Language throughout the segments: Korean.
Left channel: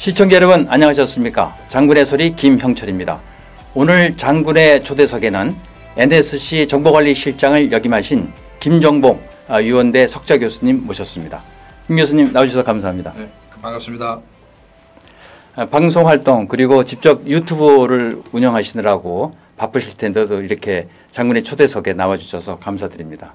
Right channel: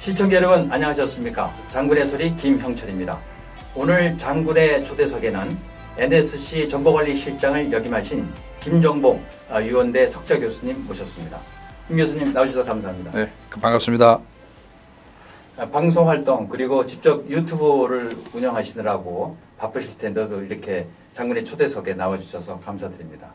시청자 여러분 안녕하셨습니까? 장군의 소리 김형철입니다. 오늘 장군의 초대석에는 NSC 정보관리실장을 역임하신 김정복 유원대 석좌 교수님 모셨습니다. 김 교수님 나오셔서 감사합니다. 네, 반갑습니다. 방송활동 그리고 직접 유튜브를 운영하시느라고 바쁘실 텐데도 이렇게 장군의 초대석에 나와주셔서 감사드립니다.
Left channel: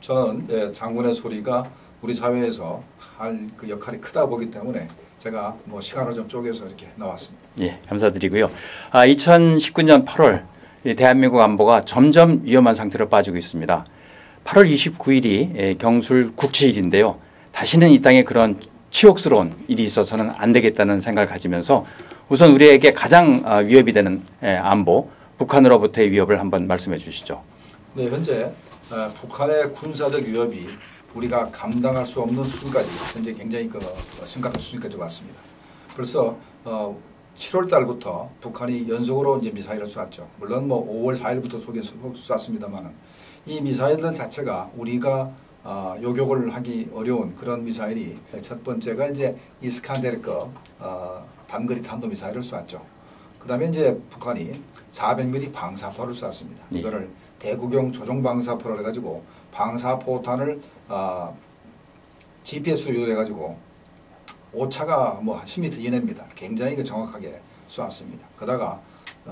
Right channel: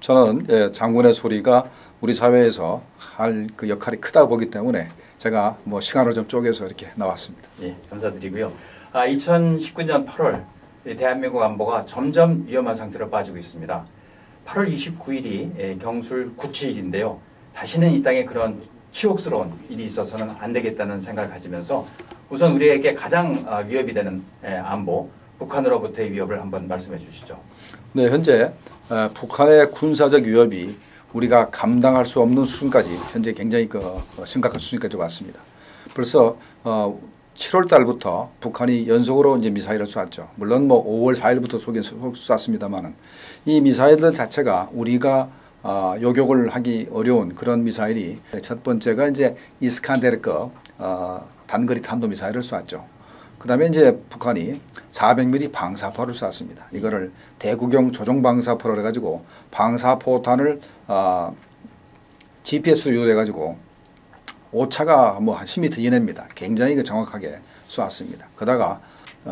저는 장군의 소리가 우리 사회에서 할 그 역할이 크다고 보기 때문에 제가 시간을 좀 쪼개서 이렇게 나왔습니다. 예, 감사드리고요. 2019년 8월 대한민국 안보가 점점 위험한 상태로 빠지고 있습니다. 8월 29일이 경술 국치일인데요. 다시는 이 땅에 그런 치욕스러운 일이 있어서는 안 되겠다는 생각을 가지면서 우선 우리에게 가장 위협이 되는 안보, 북한으로부터의 위협을 한번 말씀해 주시죠. 네, 현재 북한의 군사적 위협이 우리가 감당할 수 없는 수준까지 현재 굉장히 심각한 수준까지 왔습니다. 벌써 7월 달부터 북한이 연속으로 이제 미사일을 쐈죠. 물론 5월 4일부터 쐈습니다만은 이 미사일들 자체가 우리가 요격을 하기 어려운 그런 미사일이 첫 번째가 이제 이스칸데르급 단거리 탄도 미사일을 쐈죠. 그다음에 이제 북한이 400mm 방사포를 쐈습니다. 이거를 대구경 조종 방사포를 해가지고 방사포탄을 GPS로 유도해가지고 오차가 한 10m 이내입니다. 굉장히 정확하게 쏘았습니다. 그러다가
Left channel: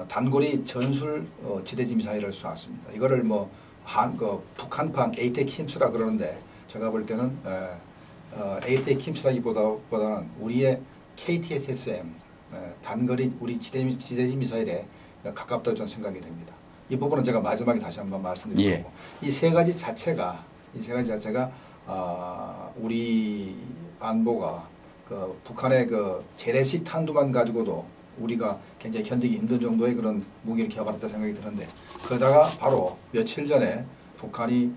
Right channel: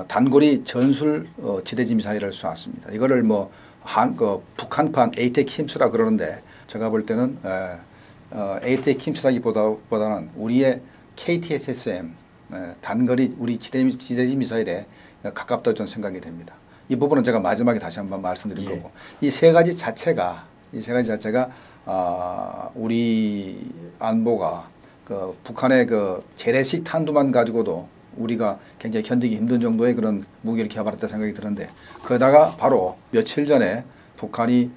단거리 전술 지대지 미사일을 쏘았습니다. 이거를 북한판 에이텍 힘스라 그러는데 제가 볼 때는 에이텍 힘스라기보다는 우리의 KTSSM 단거리 우리 지대지 미사일에 가깝다고 저는 생각이 됩니다. 이 부분은 제가 마지막에 다시 한번 말씀드릴 거고 이 세 가지 자체가 우리 안보가 북한의 재래식 탄두만 가지고도 우리가 굉장히 견디기 힘든 정도의 그런 무기를 개발했다 생각이 드는데 그러다가 바로 며칠 전에 북한이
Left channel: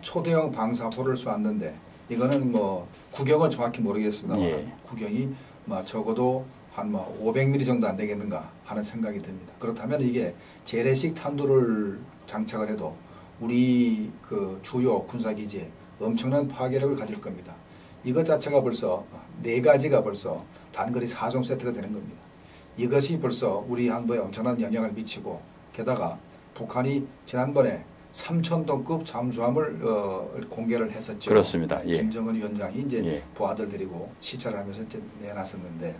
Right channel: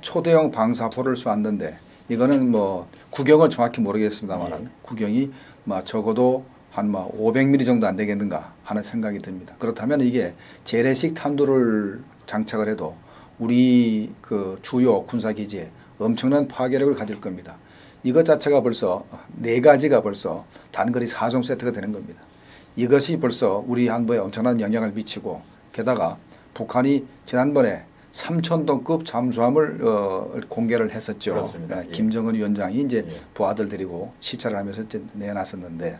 초대형 방사포를 쏘았는데 이거는 구경은 정확히 모르겠습니다만 구경이 적어도 한 500mm 정도 안 되겠는가 하는 생각이 듭니다. 그렇다면 이게 재래식 탄두를 장착을 해도 우리 주요 군사기지에 엄청난 파괴력을 가질 겁니다. 이것 자체가 벌써 4가지가 벌써 단거리 4종 세트가 되는 겁니다. 이것이 벌써 우리 안보에 엄청난 영향을 미치고 게다가 북한이 지난번에 3,000톤급 잠수함을 공개를 했었죠. 그렇습니다. 김정은 위원장이 이제 부하들 데리고 시찰을 하면서 이제 내놨었는데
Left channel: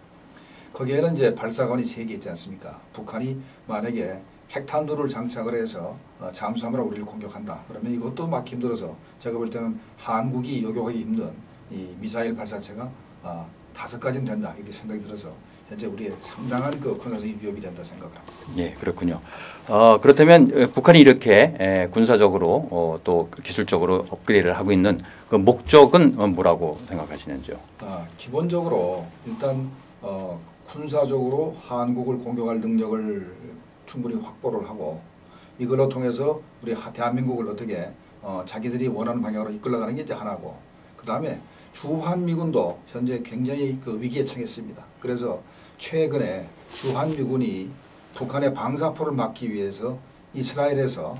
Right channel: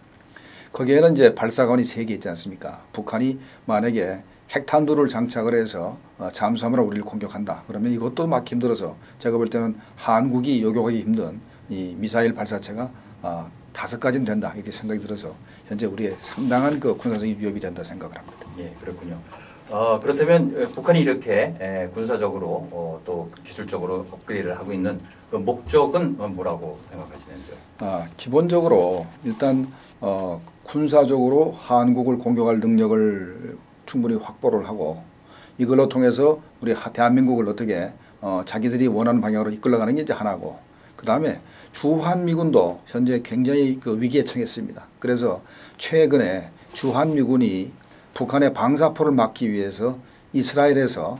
거기에는 이제 발사관이 3개 있지 않습니까? 북한이 만약에 핵탄두를 장착을 해서 잠수함으로 우리를 공격한다. 그러면 이것도 막 힘들어서 제가 볼 때는 한국이 요격하기 힘든 이 미사일 발사체가 5가지는 된다. 이렇게 생각이 들어서 현재 우리의 상당한 군사적인 위협이 된다 생각을 합니다. 예, 그렇군요. 그렇다면 북한이 이렇게 군사적으로 또 기술적으로 업그레이드를 하고 있는 그 목적은 뭐라고 생각하시는지요? 기본적으로 일단 군사적으로 한국을 공격할 능력을 충분히 확보를 하고 이걸로 통해서 우리 대한민국을 어떻게 자기들이 원하는 방향으로 이끌어가는 게 이제 하나고 그다음에 주한미군도 현재 굉장히 위기에 처했습니다. 그래서 최근에 주한미군이 북한의 방사포를 막기 위해서 이스라엘에서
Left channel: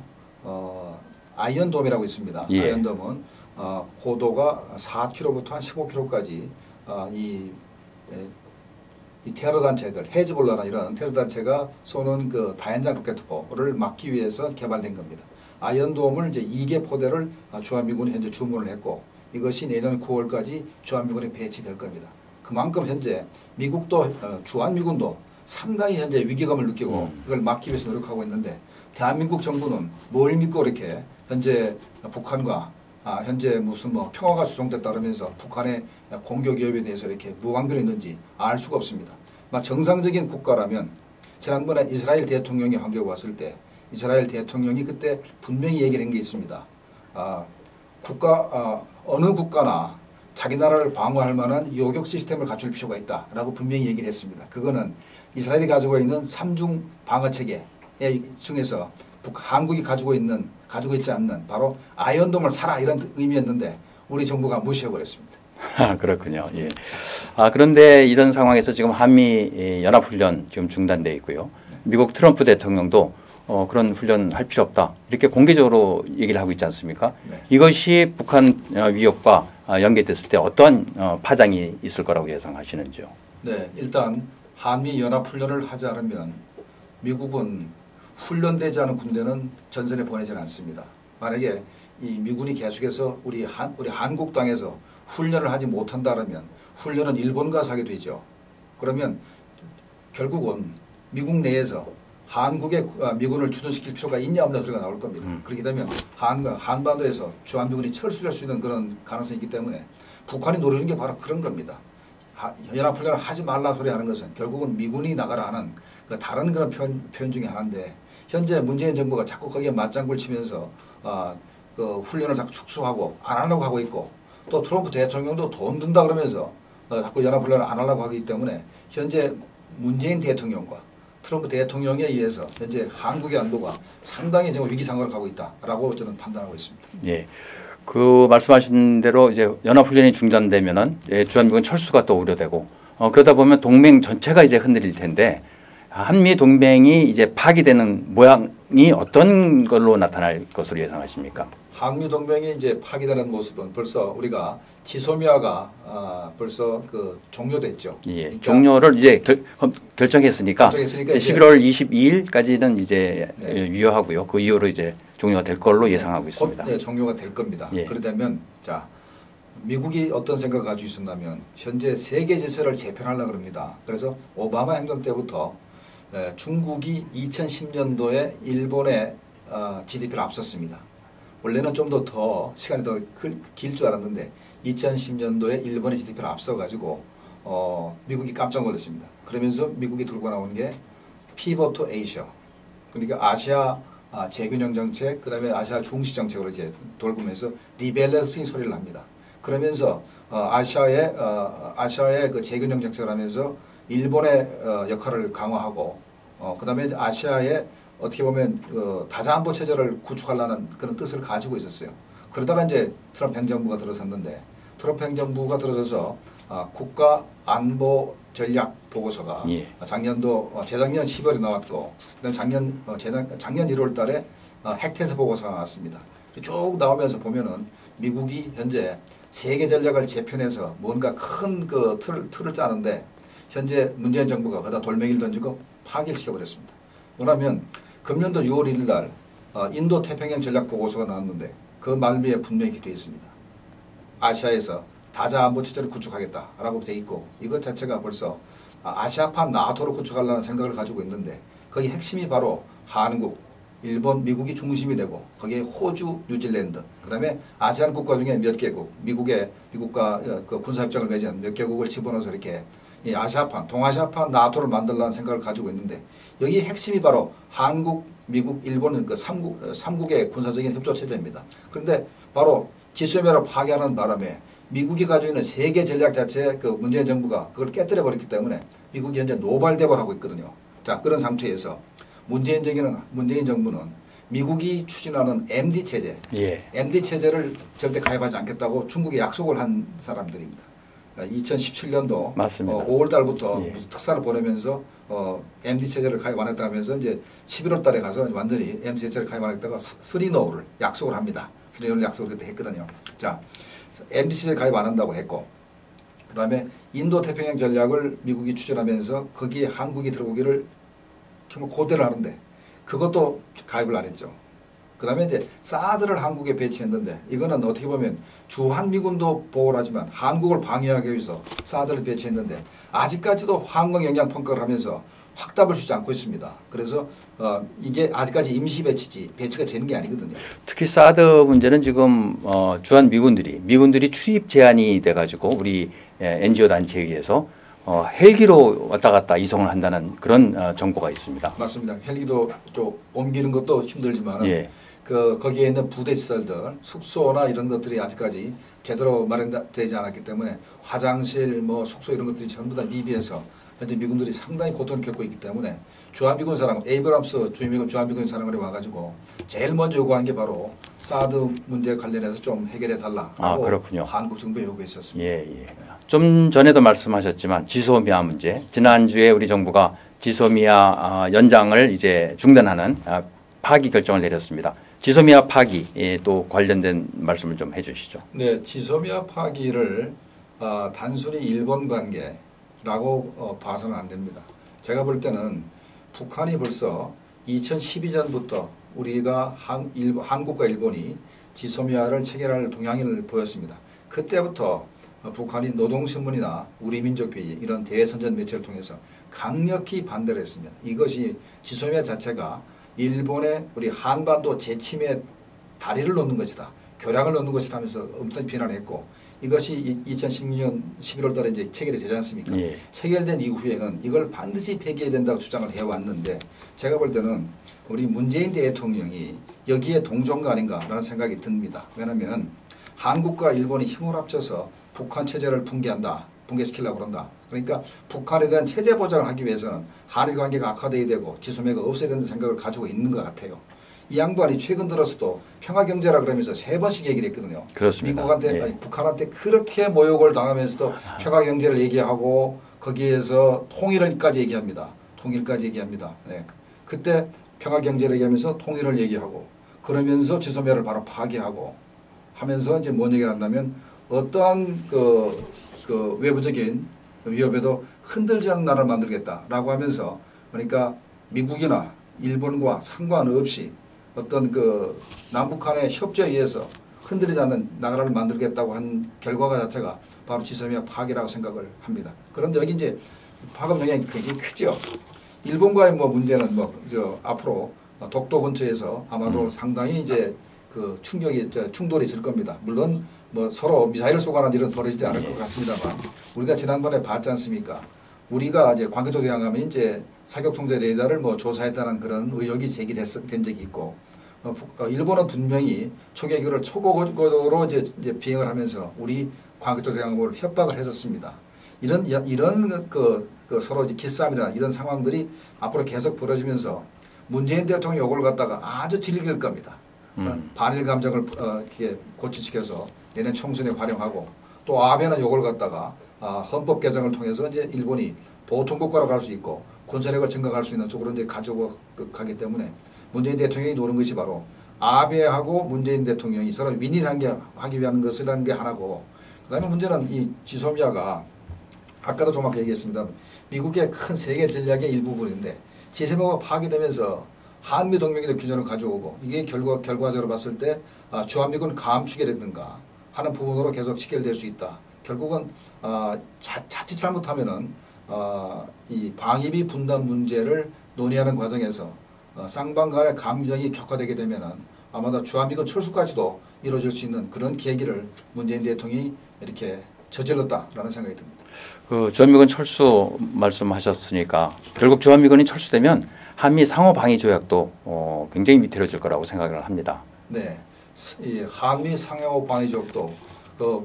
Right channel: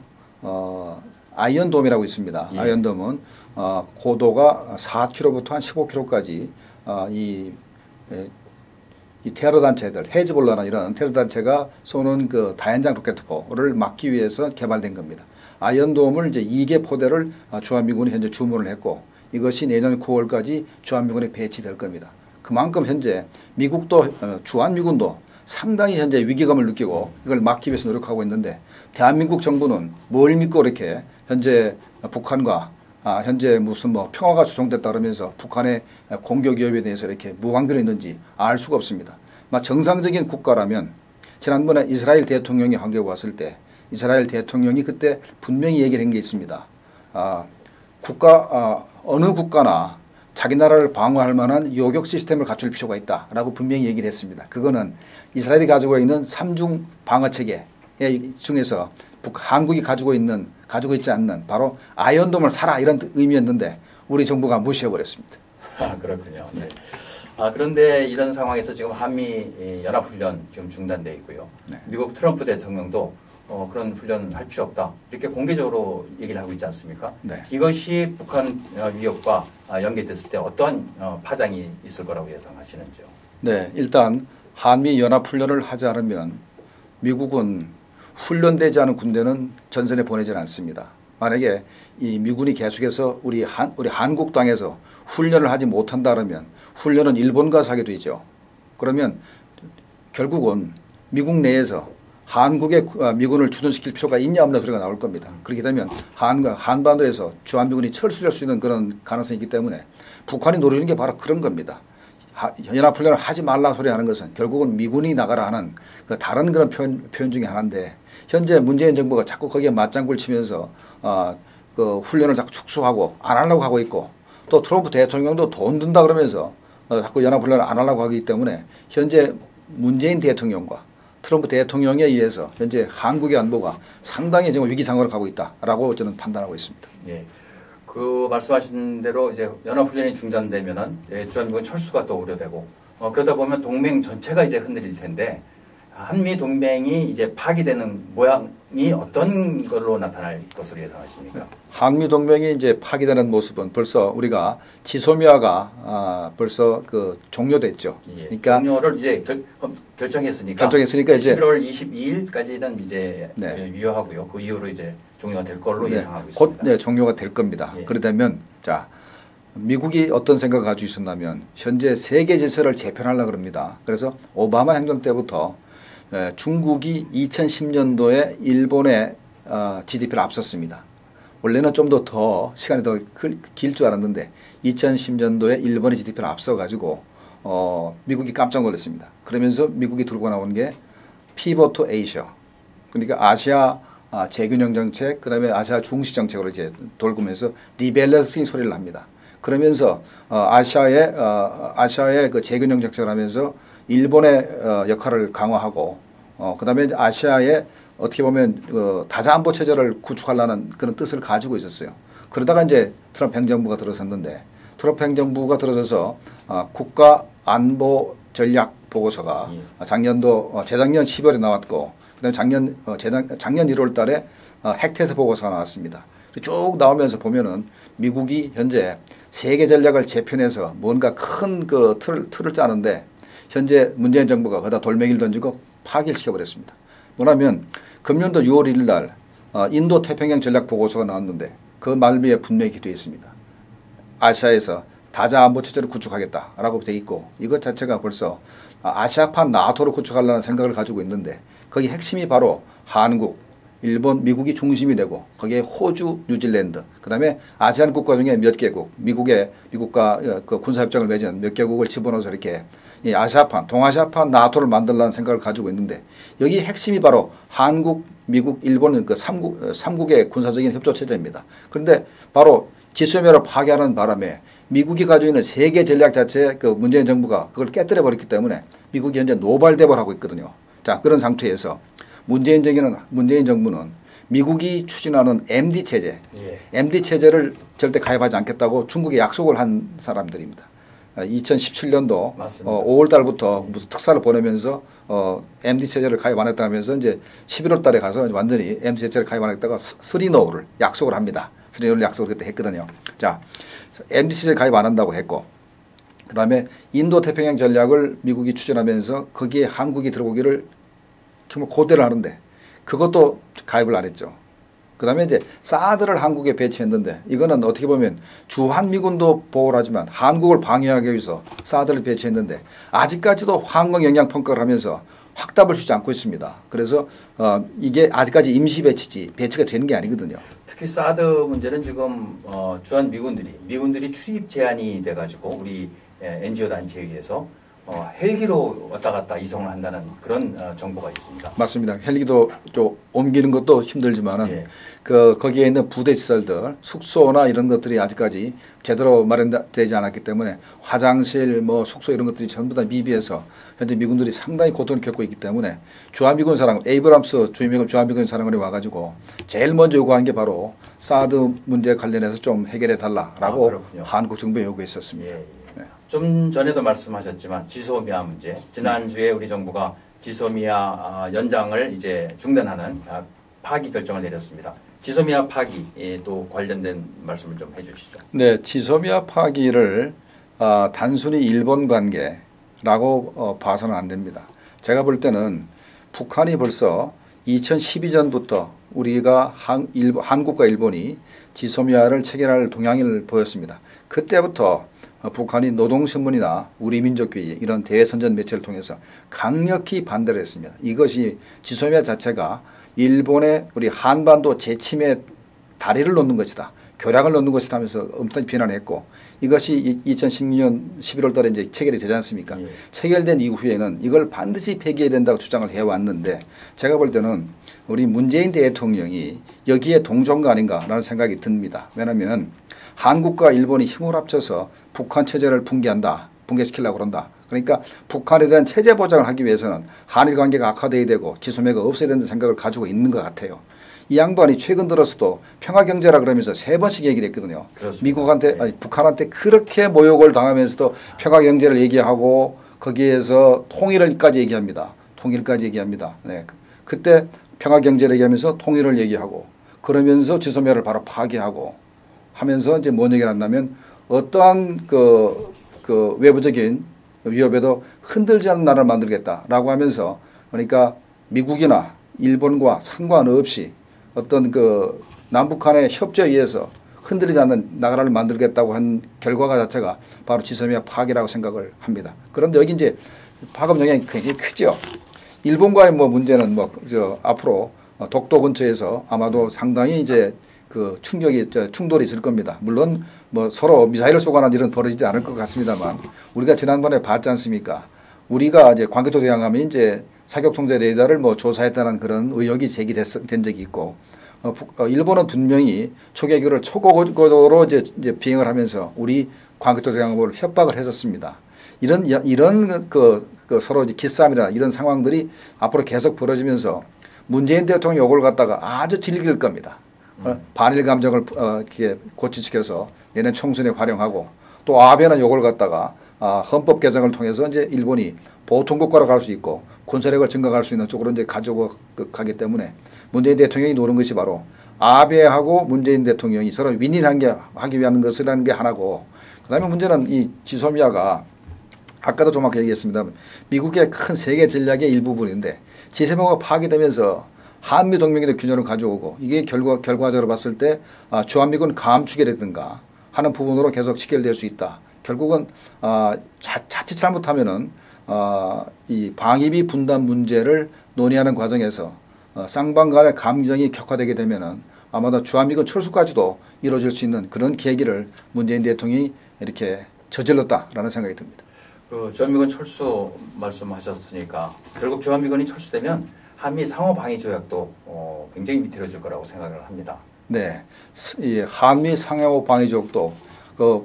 아이언돔이라고 있습니다. 아이언돔은 고도가 4km부터 한 15km까지 이 테러 단체들, 헤즈볼라나 이런 테러 단체가 쏘는 다연장 로켓포를 막기 위해서 개발된 겁니다. 아이언돔을 이제 2개 포대를 주한미군이 현재 주문을 했고 이것이 내년 9월까지 주한미군에 배치될 겁니다. 그만큼 현재 미국도 주한미군도 상당히 현재 위기감을 느끼고 이걸 막기 위해서 노력하고 있는데 대한민국 정부는 뭘 믿고 이렇게 현재 북한과 현재 무슨 평화가 조성됐다 그러면서 북한의 공격 위협에 대해서 이렇게 무방비로 있는지 알 수가 없습니다. 정상적인 국가라면 지난번에 이스라엘 대통령이 한국에 왔을 때 이스라엘 대통령이 그때 분명히 얘기를 한 게 있습니다. 어느 국가나 자기 나라를 방어할 만한 요격 시스템을 갖출 필요가 있다라고 분명히 얘기를 했습니다. 그거는 이스라엘이 가지고 있는 3중 방어 체계 중에서 한국이 가지고 있지 않는 바로 아이언돔을 사라 이런 의미였는데 우리 정부가 무시해버렸습니다. 그렇군요. 예. 그런데 이런 상황에서 지금 한미 연합훈련 지금 중단되어 있고요. 미국 트럼프 대통령도 그런 훈련 할 필요 없다. 이렇게 공개적으로 얘기를 하고 있지 않습니까? 이것이 북한 위협과 연계됐을 때 어떤 파장이 있을 거라고 예상하시는지요? 네, 일단 한미 연합훈련을 하지 않으면 미국은 훈련되지 않은 군대는 전선에 보내지는 않습니다. 만약에 이 미군이 계속해서 우리 한국 땅에서 훈련을 하지 못한다면 훈련은 일본 가서 하게 되죠. 그러면 결국은 미국 내에서 한국에 미군을 주둔시킬 필요가 있냐 없냐 소리가 나올 겁니다. 그렇게 되면 한반도에서 주한미군이 철수할 수 있는 그런 가능성이 있기 때문에 북한이 노리는 게 바로 그런 겁니다. 연합훈련을 하지 말라 소리 하는 것은 결국은 미군이 나가라 하는 그 다른 그런 표현 중에 하나인데 현재 문재인 정부가 자꾸 거기에 맞장구를 치면서 그 훈련을 자꾸 축소하고 안 하려고 하고 있고 또 트럼프 대통령도 돈 든다 그러면서 자꾸 연합훈련을 안 하려고 하기 때문에 현재 문재인 대통령과 트럼프 대통령에 의해서 현재 한국의 안보가 상당히 지금 위기 상황으로 가고 있다라고 저는 판단하고 있습니다. 예. 그 말씀하신 대로 이제 연합훈련이 중단되면은 주한미군 철수가 또 우려되고 그러다 보면 동맹 전체가 이제 흔들릴 텐데 한미 동맹이 이제 파기되는 모양이 어떤 걸로 나타날 것으로 예상하십니까? 한미 동맹이 이제 파기되는 모습은 벌써 우리가 지소미아가 벌써 그 종료됐죠. 예, 그러니까 종료를 이제 결정했으니까 이제 11월 22일까지는 이제 네. 유효하고요. 그 이후로 이제 종료가 될 걸로 네. 예상하고 있습니다. 곧 종료가 될 겁니다. 예. 그러다면 자 미국이 어떤 생각을 가지고 있었냐면 현재 세계 질서를 재편하려고 합니다. 그래서 오바마 행정 때부터 중국이 2010년도에 일본의 GDP를 앞섰습니다. 원래는 좀 더 시간이 더 길 줄 알았는데 2010년도에 일본의 GDP를 앞서가지고 미국이 깜짝 놀랐습니다. 그러면서 미국이 들고 나온 게 피벗 투 아시아, 그러니까 아시아 재균형 정책, 그다음에 아시아 중시 정책으로 이제 돌고면서 리밸런싱 소리를 합니다. 그러면서 아시아의 그 재균형 정책을 하면서 일본의 역할을 강화하고 그다음에 아시아에 어떻게 보면 다자안보 체제를 구축하려는 그런 뜻을 가지고 있었어요. 그러다가 이제 트럼프 행정부가 들어섰는데 트럼프 행정부가 들어서서 국가 안보 전략 보고서가 예. 재작년 10월에 나왔고 그다음에 작년 1월 달에 핵태세 보고서가 나왔습니다. 쭉 나오면서 보면은 미국이 현재 세계 전략을 재편해서 뭔가 큰 그 틀을 짜는데 현재 문재인 정부가 거기다 돌멩이를 던지고 파기를 시켜버렸습니다. 뭐냐면 금년도 6월 1일 날 인도 태평양 전략 보고서가 나왔는데 그 말미에 분명히 되어 있습니다. 아시아에서 다자안보 체제를 구축하겠다라고 되어 있고 이것 자체가 벌써 아시아판 나토를 구축하려는 생각을 가지고 있는데 거기 핵심이 바로 한국, 일본, 미국이 중심이 되고 거기에 호주, 뉴질랜드, 그다음에 아세안 국가 중에 몇 개국, 미국과 그 군사협정을 맺은 몇 개국을 집어넣어서 이렇게 이 아시아판, 동아시아판 나토를 만들라는 생각을 가지고 있는데 여기 핵심이 바로 한국, 미국, 일본은 그 3국의 군사적인 협조 체제입니다. 그런데 바로 지소미아를 파괴하는 바람에 미국이 가지고 있는 세계 전략 자체에 그 문재인 정부가 그걸 깨뜨려 버렸기 때문에 미국이 현재 노발대발하고 있거든요. 자, 그런 상태에서 문재인 정부는 미국이 추진하는 MD 체제, 예. MD 체제를 절대 가입하지 않겠다고 중국에 약속을 한 사람들입니다. 2017년도 맞습니다. 5월 달부터 예. 무슨 특사를 보내면서 MD 체제를 가입 안 했다면서 이제 11월 달에 가서 완전히 MD 체제를 가입 안 했다가 스리노우를 약속을 합니다. 스리노우를 약속을 그때 했거든요. 자, MD 체제 가입 안 한다고 했고 그다음에 인도 태평양 전략을 미국이 추진하면서 거기에 한국이 들어오기를 정말 고대를 하는데 그것도 가입을 안 했죠. 그다음에 이제 사드를 한국에 배치했는데 이거는 어떻게 보면 주한미군도 보호를 하지만 한국을 방해하기 위해서 사드를 배치했는데 아직까지도 환경 영향 평가를 하면서 확답을 주지 않고 있습니다. 그래서 이게 아직까지 임시 배치가 되는 게 아니거든요. 특히 사드 문제는 지금 미군들이 출입 제한이 돼가지고 우리 NGO 단체에 의해서 헬기로 왔다 갔다 이송을 한다는 그런 정보가 있습니다. 맞습니다. 헬기도 좀 옮기는 것도 힘들지만은 예. 거기에 있는 부대 시설들, 숙소나 이런 것들이 아직까지 제대로 마련되지 않았기 때문에 화장실, 숙소 이런 것들이 전부 다 미비해서 현재 미군들이 상당히 고통을 겪고 있기 때문에 주한미군 사령관, 에이브람스 주한미군 사령관이 와가지고 제일 먼저 요구한 게 바로 사드 문제 관련해서 좀 해결해 달라라고 한국 정부에 요구했었습니다. 예, 예. 네. 좀 전에도 말씀하셨지만 지소미아 문제, 지난주에 우리 정부가 지소미아 연장을 이제 중단하는 파기 결정을 내렸습니다. 지소미아 파기에 또 관련된 말씀을 좀 해주시죠. 네, 지소미아 파기를 단순히 일본 관계, 봐서는 안 됩니다. 제가 볼 때는 북한이 벌써 2012년부터 우리가 한국과 일본이 지소미아를 체결할 동향을 보였습니다. 그때부터 북한이 노동신문이나 우리민족주의 이런 대선전 매체를 통해서 강력히 반대를 했습니다. 이것이 지소미아 자체가 일본의 우리 한반도 재침에 다리를 놓는 것이다. 교량을 놓는 것이다 하면서 엄청 비난했고 이것이 2016년 11월 달에 이제 체결이 되지 않습니까? 예. 체결된 이후에는 이걸 반드시 폐기해야 된다고 주장을 해왔는데 제가 볼 때는 우리 문재인 대통령이 여기에 동조한 거 아닌가라는 생각이 듭니다. 왜냐하면 한국과 일본이 힘을 합쳐서 북한 체제를 붕괴시키려고 그런다. 그러니까 북한에 대한 체제 보장을 하기 위해서는 한일 관계가 악화돼야 되고 지소미아가 없어야 된다는 생각을 가지고 있는 것 같아요. 이 양반이 최근 들어서도 평화경제라 그러면서 3번씩 얘기를 했거든요. 그렇습니다. 미국한테 네. 아니, 북한한테 그렇게 모욕을 당하면서도 평화경제를 얘기하고 거기에서 통일을까지 얘기합니다. 통일까지 얘기합니다. 네. 그때 평화경제를 얘기하면서 통일을 얘기하고 그러면서 지소미아를 바로 파기하고 하면서 이제 뭔 얘기를 한다면 어떠한 그 외부적인 위협에도 흔들지 않는 나라를 만들겠다라고 하면서 그러니까 미국이나 일본과 상관없이 어떤 그 남북한의 협조에 의해서 흔들리지 않는 나라를 만들겠다고 한 결과가 자체가 바로 지소미아 파기라고 생각을 합니다. 그런데 여기 이제 파급 영향이 굉장히 크죠. 일본과의 뭐 문제는 앞으로 독도 근처에서 아마도 상당히 이제 그 충돌이 있을 겁니다. 물론 뭐 서로 미사일을 쏘거나 이런 벌어지지 않을 것 같습니다만 우리가 지난번에 봤지 않습니까? 우리가 이제 광개토 대항하면 이제 사격 통제 레이더를 뭐 조사했다는 그런 의혹이 제기된 적이 있고 일본은 분명히 초계기를 초고고도로 이제 비행을 하면서 우리 광개토 대항함을 협박을 했었습니다. 이런 그 서로 기싸움이나 이런 상황들이 앞으로 계속 벌어지면서 문재인 대통령 요걸 갖다가 아주 딜길 겁니다. 반일 감정을 이렇게 고취시켜서 얘는 총선에 활용하고 또 아베는 요걸 갖다가 헌법 개정을 통해서 이제 일본이 보통국가로 갈 수 있고 군사력을 증강할 수 있는 쪽으로 이제 가지고 가기 때문에 문재인 대통령이 노린 것이 바로 아베하고 문재인 대통령이 서로 윈윈하기 위한 것이라는 게 하나고 그다음에 문제는 이 지소미아가 아까도 정확히 얘기했습니다. 미국의 큰 세계 전략의 일부분인데 지소미아가 파괴되면서 한미 동맹의 균형을 가져오고 이게 결과적으로 봤을 때 주한미군 감축이라든가 하는 부분으로 계속 직결될 수 있다. 결국은 자칫 잘못하면은 이 방위비 분담 문제를 논의하는 과정에서 쌍방 간의 감정이 격화되게 되면은 아마도 주한미군 철수까지도 이루어질 수 있는 그런 계기를 문재인 대통령이 이렇게 저질렀다라는 생각이 듭니다. 그 주한미군 철수 말씀하셨으니까 결국 주한미군이 철수되면 한미 상호 방위 조약도 굉장히 위태로워질 거라고 생각을 합니다. 네, 이 한미 상호 방위 조약도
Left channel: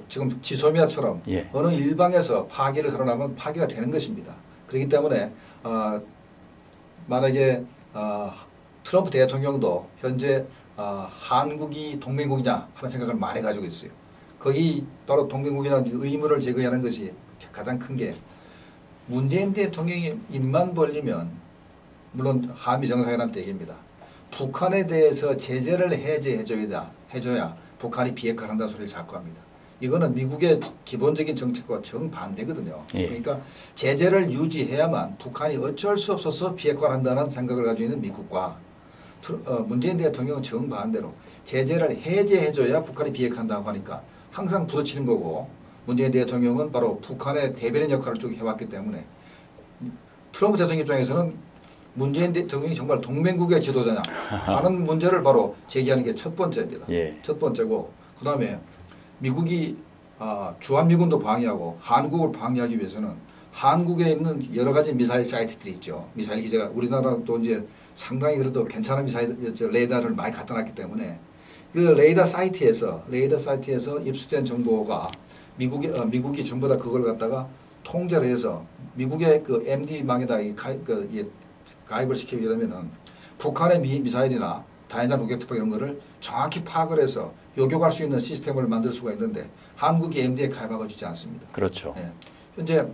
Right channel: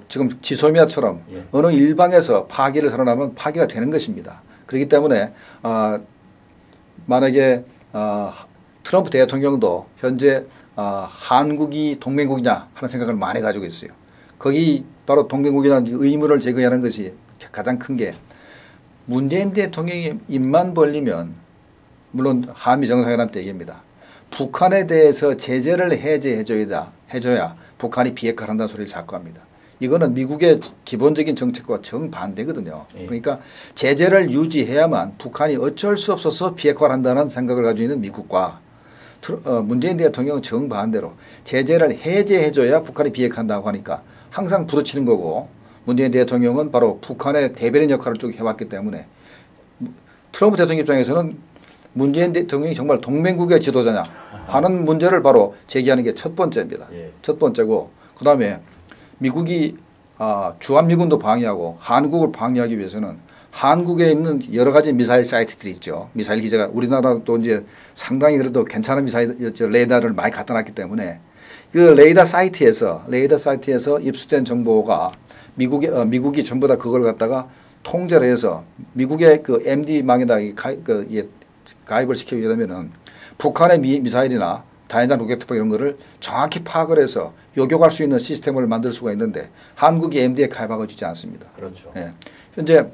지금 지소미아처럼 예. 어느 일방에서 파기를 선언하면 파기가 되는 것입니다. 그렇기 때문에 만약에 트럼프 대통령도 현재 한국이 동맹국이냐 하는 생각을 많이 가지고 있어요. 거기 바로 동맹국이라는 의문을 제거하는 것이 가장 큰 게 문재인 대통령이 입만 벌리면 물론 한미 정상회담 때 얘기입니다. 북한에 대해서 제재를 해줘야 북한이 비핵화를 한다는 소리를 자꾸 합니다. 이거는 미국의 기본적인 정책과 정반대거든요. 예. 그러니까 제재를 유지해야만 북한이 어쩔 수 없어서 비핵화를 한다는 생각을 가지고 있는 미국과 문재인 대통령은 정반대로 제재를 해제해줘야 북한이 비핵화한다고 하니까 항상 부딪히는 거고 문재인 대통령은 바로 북한의 대변인 역할을 쭉 해왔기 때문에 트럼프 대통령 입장에서는 문재인 대통령이 정말 동맹국의 지도자냐 하는 문제를 바로 제기하는 게 첫 번째입니다. 예. 첫 번째고 그다음에 미국이 주한미군도 방위하고 한국을 방위하기 위해서는 한국에 있는 여러 가지 미사일 사이트들이 있죠. 미사일 기지가 우리나라도 이제 상당히 그래도 괜찮은 미사일 레이더를 많이 갖다 놨기 때문에 그 레이더 사이트에서 입수된 정보가 미국이 전부 다 그걸 갖다가 통제를 해서 미국의 그 MD망에다 가입을 시키게 되면은 북한의 미사일이나 다연장 로켓 투척 이런 거를 정확히 파악을 해서 요격할 수 있는 시스템을 만들 수가 있는데 한국이 MD에 가입하고 있지 않습니다. 그렇죠. 예. 현재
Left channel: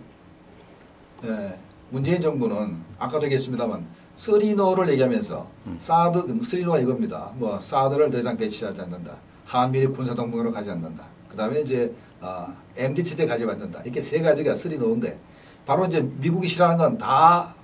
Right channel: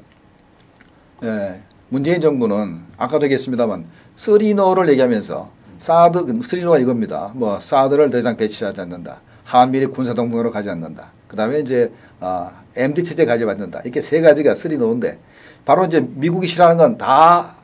문재인 정부는 아까도 얘기했습니다만 쓰리노를 얘기하면서 쓰리노가 이겁니다. 뭐 사드를 더 이상 배치하지 않는다. 한미일 군사동맹으로 가지 않는다. 그다음에 이제 MD 체제 가지 않는다. 이렇게 세 가지가 쓰리노인데 바로 이제 미국이 싫어하는 건 다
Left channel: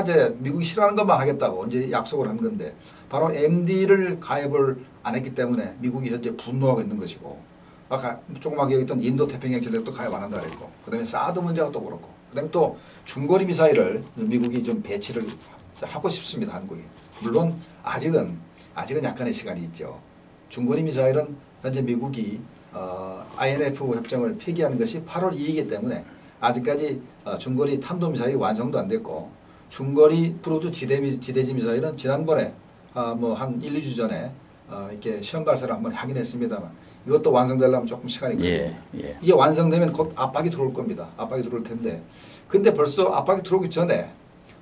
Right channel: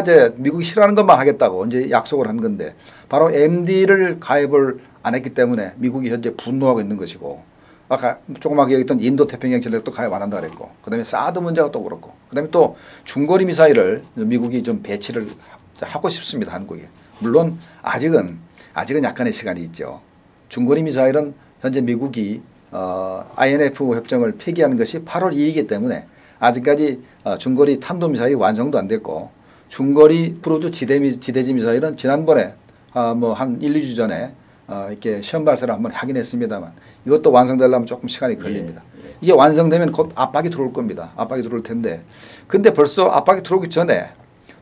이제 미국이 싫어하는 것만 하겠다고 이제 약속을 한 건데 바로 MD를 가입을 안 했기 때문에 미국이 현재 분노하고 있는 것이고 아까 조그맣게 얘기했던 인도 태평양 전략도 가입 안 한다 그랬고 그다음에 사드 문제가 또 그렇고 그다음에 또 중거리 미사일을 미국이 좀 배치를 하고 싶습니다. 한국에. 물론 아직은 약간의 시간이 있죠. 중거리 미사일은 현재 미국이 INF 협정을 폐기하는 것이 8월 2일이기 때문에 아직까지 중거리 탄도미사일이 완성도 안 됐고 중거리 크루즈 지대지 미사일은 지난번에 뭐 한 1, 2주 전에 이렇게 시험 발사를 한번 하긴 했습니다만 이것도 완성되려면 조금 시간이 걸립니다. 이게 완성되면 곧 압박이 들어올 겁니다. 압박이 들어올 텐데 근데 벌써 압박이 들어오기 전에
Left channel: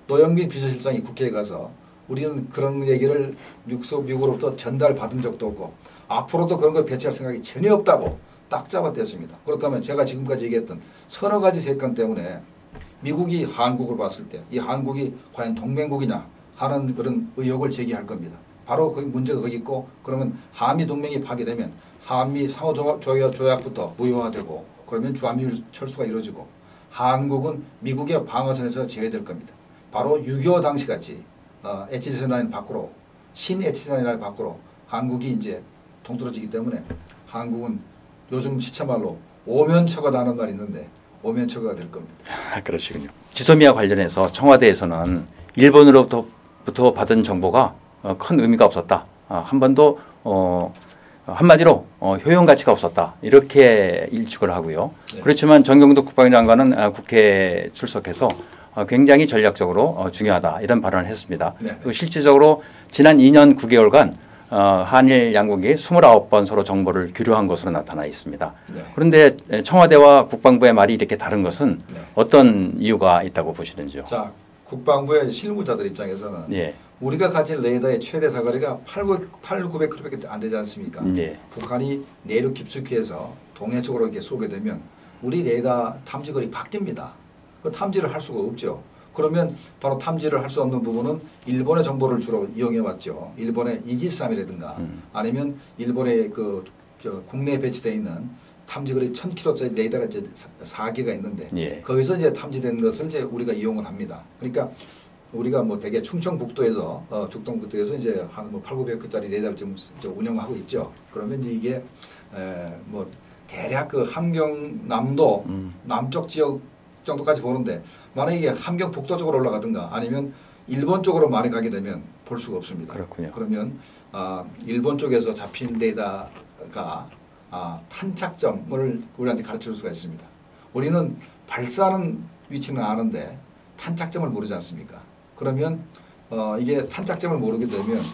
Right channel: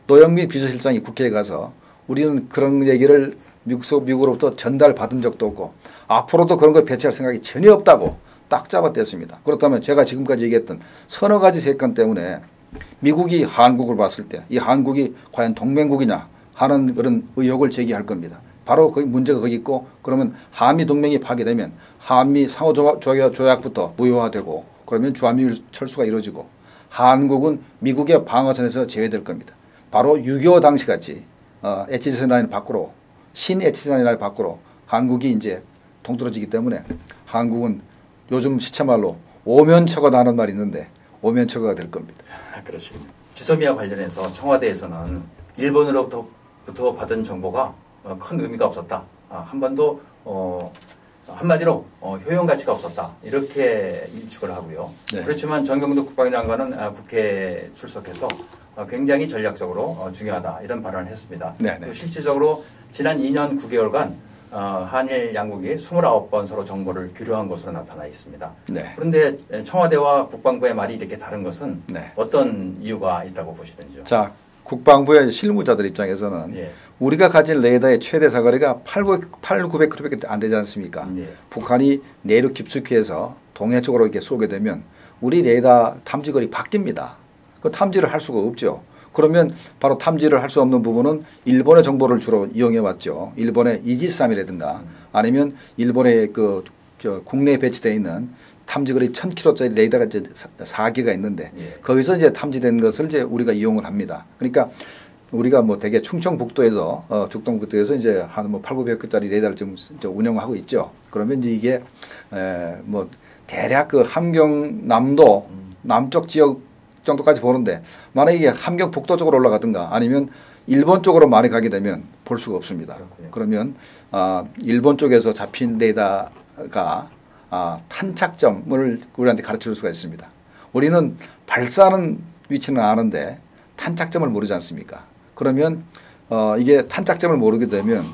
노영민 비서실장이 국회에 가서 우리는 그런 얘기를 미국으로부터 전달받은 적도 없고 앞으로도 그런 걸 배치할 생각이 전혀 없다고 딱 잡아댔습니다. 그렇다면 제가 지금까지 얘기했던 서너 가지 세건 때문에 미국이 한국을 봤을 때 이 한국이 과연 동맹국이냐 하는 그런 의혹을 제기할 겁니다. 바로 거기 문제가 거기 있고 그러면 한미 동맹이 파괴되면 한미 상호조약부터 무효화되고 그러면 주한미일 철수가 이루어지고 한국은 미국의 방어선에서 제외될 겁니다. 바로 6.25 당시 같이 HG선 라인 밖으로 신 HG선 라인 밖으로 한국이 이제 동떨어지기 때문에 한국은 요즘 시체말로 오면처가 하는 말이 있는데 오면처가 될 겁니다. 그러시군요. 지소미아 관련해서 청와대에서는 일본으로부터 받은 정보가 큰 의미가 없었다. 한 번도 한마디로 효용 가치가 없었다. 이렇게 일축을 하고요. 네. 그렇지만 정경도 국방장관은 국회에 출석해서 굉장히 전략적으로 중요하다. 이런 발언을 했습니다. 네, 네. 그리고 실질적으로 지난 2년 9개월간 한일 양국이 29번 서로 정보를 교류한 것으로 나타나 있습니다. 네. 그런데 청와대와 국방부의 말이 이렇게 다른 것은 네. 어떤 이유가 있다고 보시는지요? 자, 국방부의 실무자들 입장에서는 예. 우리가 가진 레이더의 최대 사거리가 8,900km밖에 안 되지 않습니까? 예. 북한이 내륙 깊숙이에서 동해 쪽으로 이렇게 쏘게 되면 우리 레이더 탐지거리 바뀝니다. 그 탐지를 할 수가 없죠. 그러면 바로 탐지를 할 수 없는 부분은 일본의 정보를 주로 이용해 왔죠. 일본의 이지스함이라든가 아니면 일본의 국내에 배치되어 있는 탐지거리 1,000km짜리 레이더가 이제 4개가 있는데 예. 거기서 이제 탐지된 것을 이제 우리가 이용을 합니다. 그러니까 우리가 뭐 대개 충청북도에서 죽동북도에서 이제 한 뭐 8,900개짜리 레이더를 지금 운영하고 있죠. 그러면 이제 이게 뭐 대략 그 함경남도 남쪽 지역 정도까지 보는데 만약에 이게 함경 북도 쪽으로 올라가든가 아니면 일본 쪽으로 많이 가게 되면 볼 수가 없습니다. 그렇군요. 그러면 일본 쪽에서 잡힌 레이더가 탄착점을 우리한테 가르쳐 줄 수가 있습니다. 우리는 발사하는 위치는 아는데 탄착점을 모르지 않습니까? 그러면 이게 탄착점을 모르게 되면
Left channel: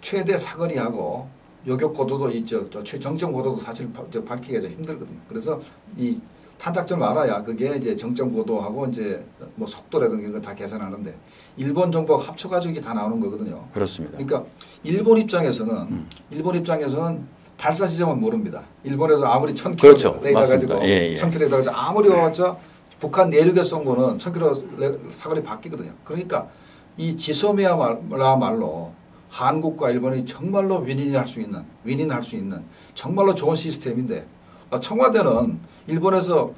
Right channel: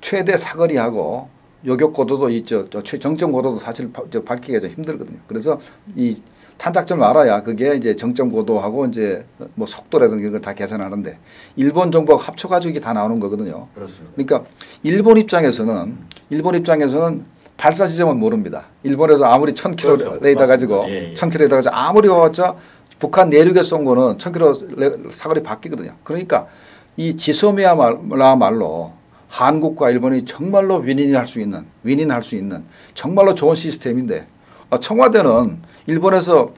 최대 사거리하고 요격 고도도 있죠. 정점 고도도 사실 밝히기가 좀 힘들거든요. 그래서 이 탄착점을 알아야 그게 이제 정점 고도하고 이제 뭐 속도라든가 이런 걸 다 계산하는데 일본 정보가 합쳐가지고 이게 다 나오는 거거든요. 그렇습니다. 그러니까 일본 입장에서는 발사 지점은 모릅니다. 일본에서 아무리 1,000km 그렇죠. 레이더 가지고 1,000km 레이더 가지고 아무리 와봤자 북한 내륙에 쏜 거는 1,000km 사거리 바뀌거든요. 그러니까 이 지소미아말로 한국과 일본이 정말로 윈윈할 수 있는 정말로 좋은 시스템인데 청와대는 일본에서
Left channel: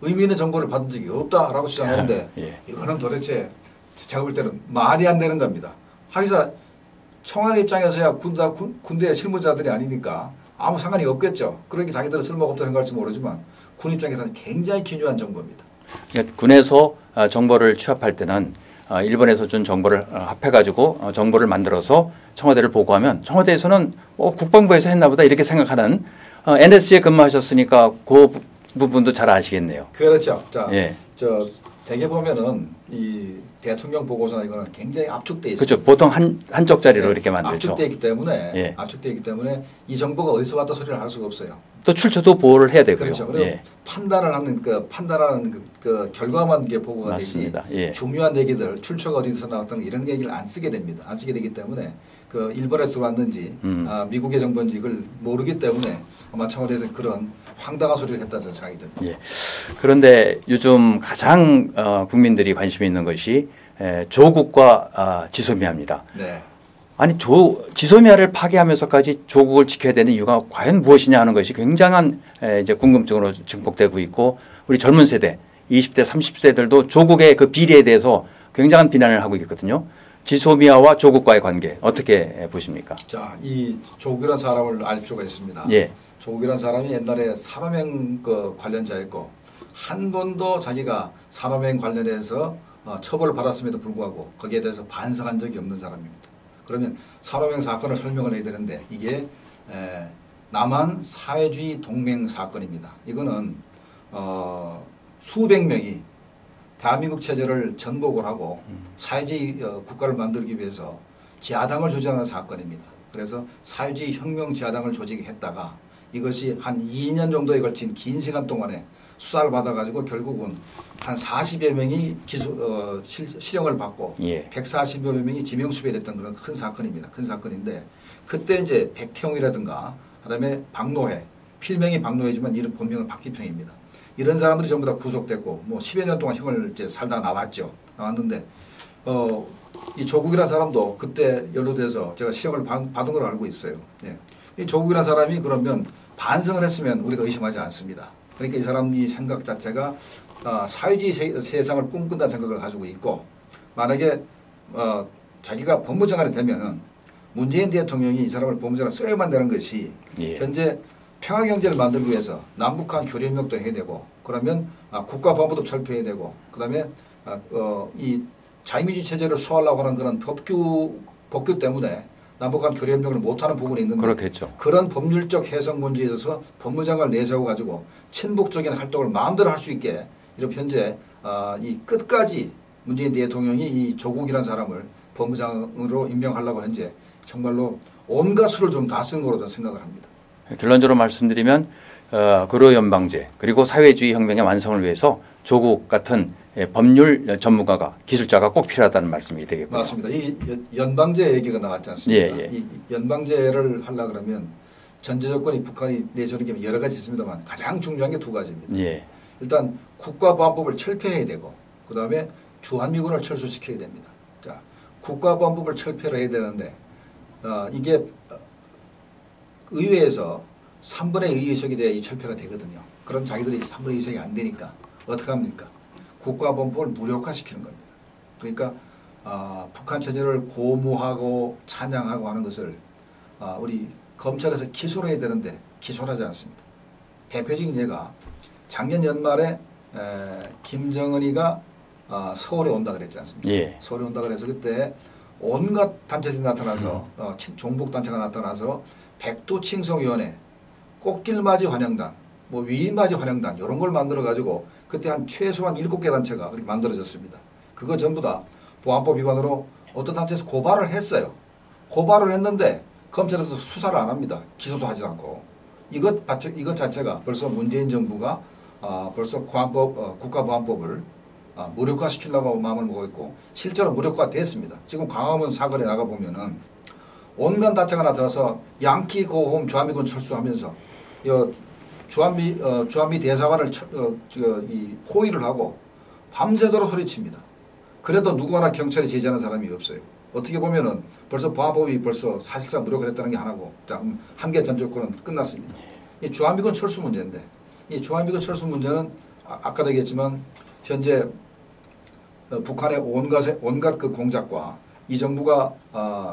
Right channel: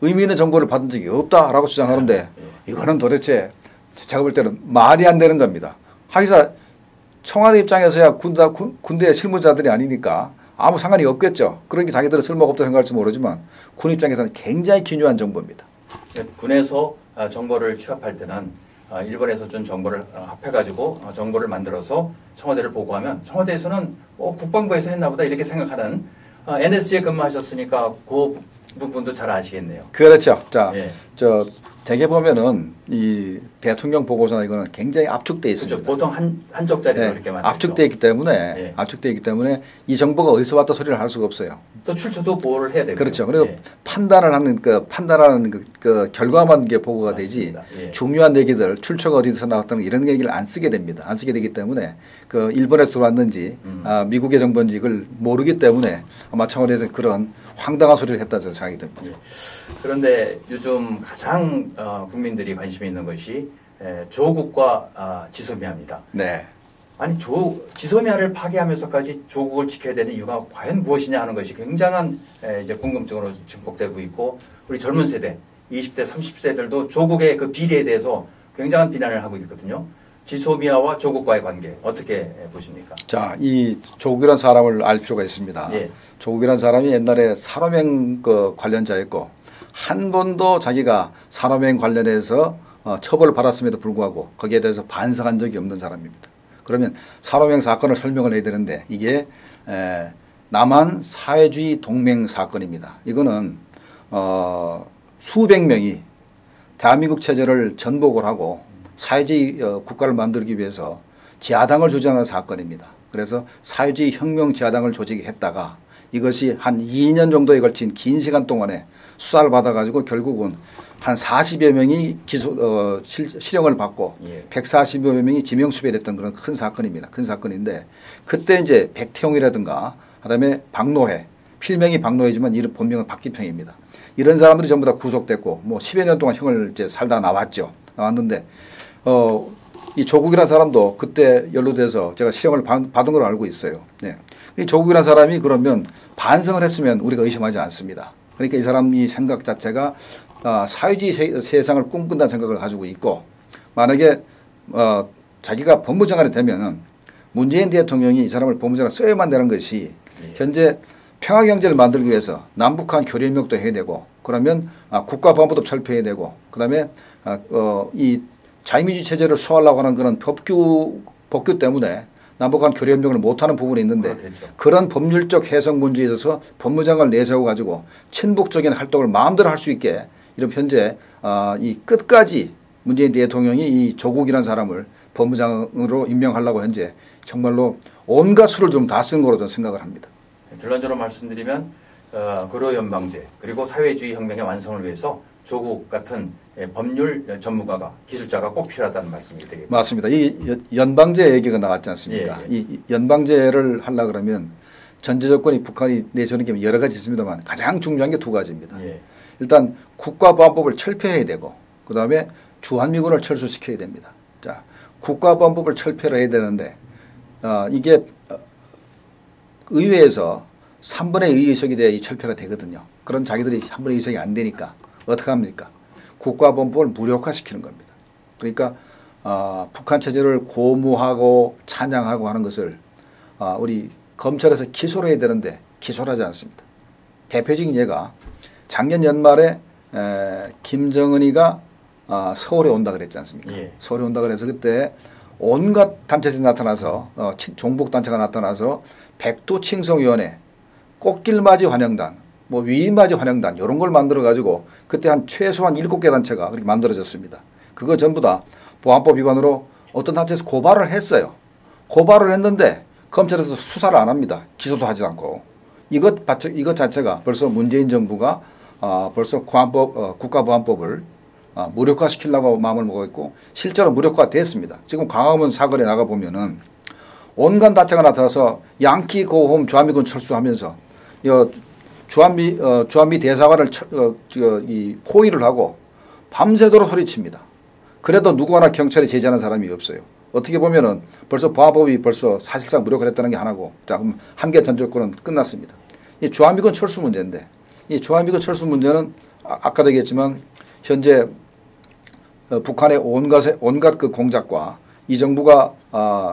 의미 있는 정보를 받은 적이 없다라고 주장하는데 이거는 도대체 제가 볼 때는 말이 안 되는 겁니다. 하기사 청와대 입장에서야 군대 실무자들이 아니니까 아무 상관이 없겠죠. 그러니까 자기들은 쓸모가 없다고 생각할지 모르지만 군 입장에서는 굉장히 기묘한 정보입니다. 군에서 정보를 취합할 때는 일본에서 준 정보를 합해가지고 정보를 만들어서 청와대를 보고하면 청와대에서는 국방부에서 했나 보다 이렇게 생각하는 NSC에 근무하셨으니까 그 부분도 잘 아시겠네요. 그렇죠. 자, 대개 보면은 이 대통령 보고서나 이거는 굉장히 압축돼 있습니다. 그렇죠. 보통 한 쪽짜리로 이렇게 만들죠. 압축돼 있기 때문에 이 정보가 어디서 왔다 소리를 할 수가 없어요. 또 출처도 보호를 해야 되고요. 그렇죠. 그리고 판단하는 그 결과만 게 보고가 맞습니다. 되지 중요한 얘기들 출처가 어디서 나왔다는 이런 얘기를 안 쓰게 됩니다. 안 쓰게 되기 때문에 그 일본에서 들어왔는지 미국의 정보인지 이걸 모르기 때문에 아마 청와대에서 그런 황당한 소리를 했다 저는 생각이 듭니다. 그런데 요즘 가장 국민들이 관심이 있는 것이 조국과 지소미아입니다. 네. 아니 지소미아를 파괴하면서까지 조국을 지켜야 되는 이유가 과연 무엇이냐 하는 것이 굉장한 이제 궁금증으로 증폭되고 있고 우리 젊은 세대 20대 30세들도 조국의 그 비리에 대해서 굉장한 비난을 하고 있거든요. 지소미아와 조국과의 관계 어떻게 보십니까? 자, 이 조국이라는 사람을 알 필요가 있습니다. 예. 조국이라는 사람이 옛날에 산업행 그 관련자였고 한 번도 자기가 산업행 관련해서 처벌을 받았음에도 불구하고 거기에 대해서 반성한 적이 없는 사람입니다. 그러면 산업행 사건을 설명을 해야 되는데 이게 남한 사회주의 동맹 사건입니다. 이거는 수백 명이 대한민국 체제를 전복을 하고 사회주의 국가를 만들기 위해서 지하당을 조직하는 사건입니다. 그래서 사회주의 혁명 지하당을 조직했다가 이것이 한 2년 정도에 걸친 긴 시간 동안에 수사를 받아가지고 결국은 한 40여 명이 실형을 받고 예. 140여 명이 지명수배됐던 그런 큰 사건입니다. 큰 사건인데 그때 이제 백태용이라든가 그다음에 박노해 필명이 박노해지만 이름 본명은 박기평입니다. 이런 사람들이 전부 다 구속됐고 뭐 10여 년 동안 형을 이제 살다 나왔는데 이 조국이라는 사람도 그때 연루돼서 제가 실형을 받은 걸 알고 있어요. 네. 이 조국이라는 사람이 그러면 반성을 했으면 우리가 의심하지 않습니다. 그러니까 이 사람이 생각 자체가 사회주의 세상을 꿈꾼다는 생각을 가지고 있고 만약에 자기가 법무장관이 되면은 문재인 대통령이 이 사람을 법무장관 써야만 되는 것이 예. 현재 평화경제를 만들기 위해서 남북한 교류협력도 해야 되고 그러면 국가보안법도 철폐해야 되고 그다음에 이 자유민주 체제를 수호하려고 하는 그런 법규 때문에 남북한 교류협력을 못하는 부분이 있는데 그렇겠죠. 그런 법률적 해석 문제에 있어서 법무장관을 내세워 가지고 친북적인 활동을 마음대로 할 수 있게 이런 현재 이 끝까지 문재인 대통령이 이 조국이라는 사람을 법무장으로 임명하려고 현재 정말로 온갖 수를 좀 다 쓴 거로 저는 생각을 합니다. 결론적으로 말씀드리면 고려연방제 그리고 사회주의 혁명의 완성을 위해서 조국 같은 법률 전문가가 기술자가 꼭 필요하다는 말씀이 되겠고요. 맞습니다. 이 연방제 얘기가 나왔지 않습니까? 예. 이 연방제를 하려 그러면 전제 조건이 북한이 내세우는 게 여러 가지 있습니다만 가장 중요한 게 두 가지입니다. 예. 일단 국가보안법을 철폐해야 되고 그다음에 주한미군을 철수시켜야 됩니다. 자, 국가보안법을 철폐를 해야 되는데 이게 의회에서 3분의 2 의석이 돼야 이 철폐가 되거든요. 그런 자기들이 3분의 2 의석이 안 되니까 어떻게 합니까? 국가보안법을 무력화시키는 겁니다. 그러니까 북한 체제를 고무하고 찬양하고 하는 것을 우리 검찰에서 기소를 해야 되는데 기소를 하지 않습니다. 대표적인 예가 작년 연말에 김정은이가 서울에 온다 그랬지 않습니까? 예. 서울에 온다 그래서 그때 온갖 단체들이 나타나서 종북단체가 나타나서 백두칭송위원회, 꽃길맞이 환영단, 뭐 위인맞이 환영단 이런 걸 만들어 가지고 그때 한 최소한 7개 단체가 그렇게 만들어졌습니다. 그거 전부 다 보안법 위반으로 어떤 단체에서 고발을 했어요. 고발을 했는데 검찰에서 수사를 안 합니다. 기소도 하지 않고. 이것 자체가 벌써 문재인 정부가 벌써 국가보안법을 무력화시키려고 마음을 먹고 있고 실제로 무력화됐습니다. 지금 광화문 사거리에 나가 보면은 온갖 단체가 나타나서 양키 고홈 주한미군 철수하면서 주한미 대사관을 이 포위를 하고 밤새도록 소리칩니다. 그래도 누구나 경찰에 제지하는 사람이 없어요. 어떻게 보면은 벌써 보안법이 벌써 사실상 무력화됐다는 게 하나고, 자, 그럼 한개 전 정권은 끝났습니다. 이 주한미군 철수 문제인데, 이 주한미군 철수 문제는 아까도 얘기했지만 현재 북한의 온갖 그 공작과 이 정부가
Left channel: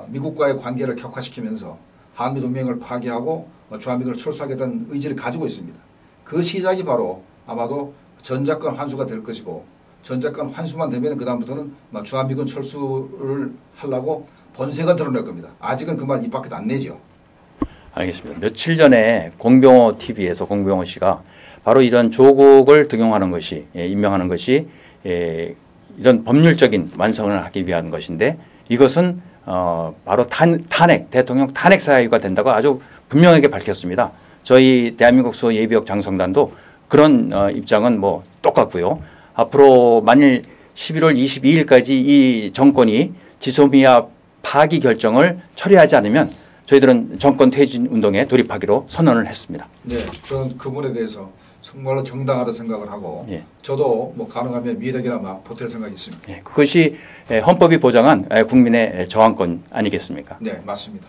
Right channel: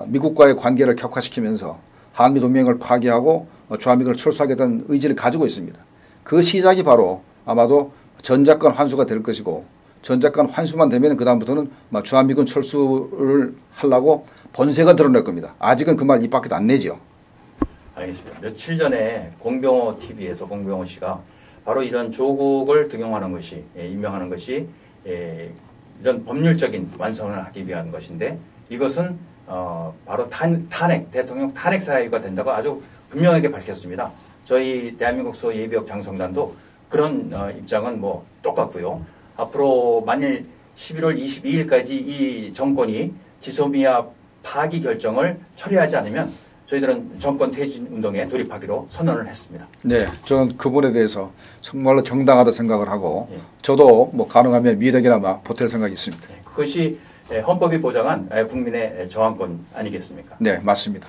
미국과의 관계를 격화시키면서 한미 동맹을 파괴하고 주한미군을 철수하겠다는 의지를 가지고 있습니다. 그 시작이 바로 아마도 전작권 환수가 될 것이고, 전작권 환수만 되면 그 다음부터는 주한미군 철수를 하려고 본색을 드러낼 겁니다. 아직은 그 말 입 밖에도 안 내죠. 알겠습니다. 며칠 전에 공병호 TV에서 공병호 씨가 바로 이런 조국을 등용하는 것이, 임명하는 것이 이런 법률적인 완성을 하기 위한 것인데, 이것은 바로 대통령 탄핵 사유가 된다고 아주 분명하게 밝혔습니다. 저희 대한민국 수호 예비역 장성단도 그런 입장은 뭐 똑같고요. 앞으로 만일 11월 22일까지 이 정권이 지소미아 파기 결정을 처리하지 않으면 저희들은 정권 퇴진 운동에 돌입하기로 선언을 했습니다. 네, 저는 그분에 대해서 정말로 정당하다 생각을 하고 예. 저도 뭐 가능하면 미덕이나마 보탤 생각이 있습니다. 그것이 헌법이 보장한 국민의 저항권 아니겠습니까? 네, 맞습니다.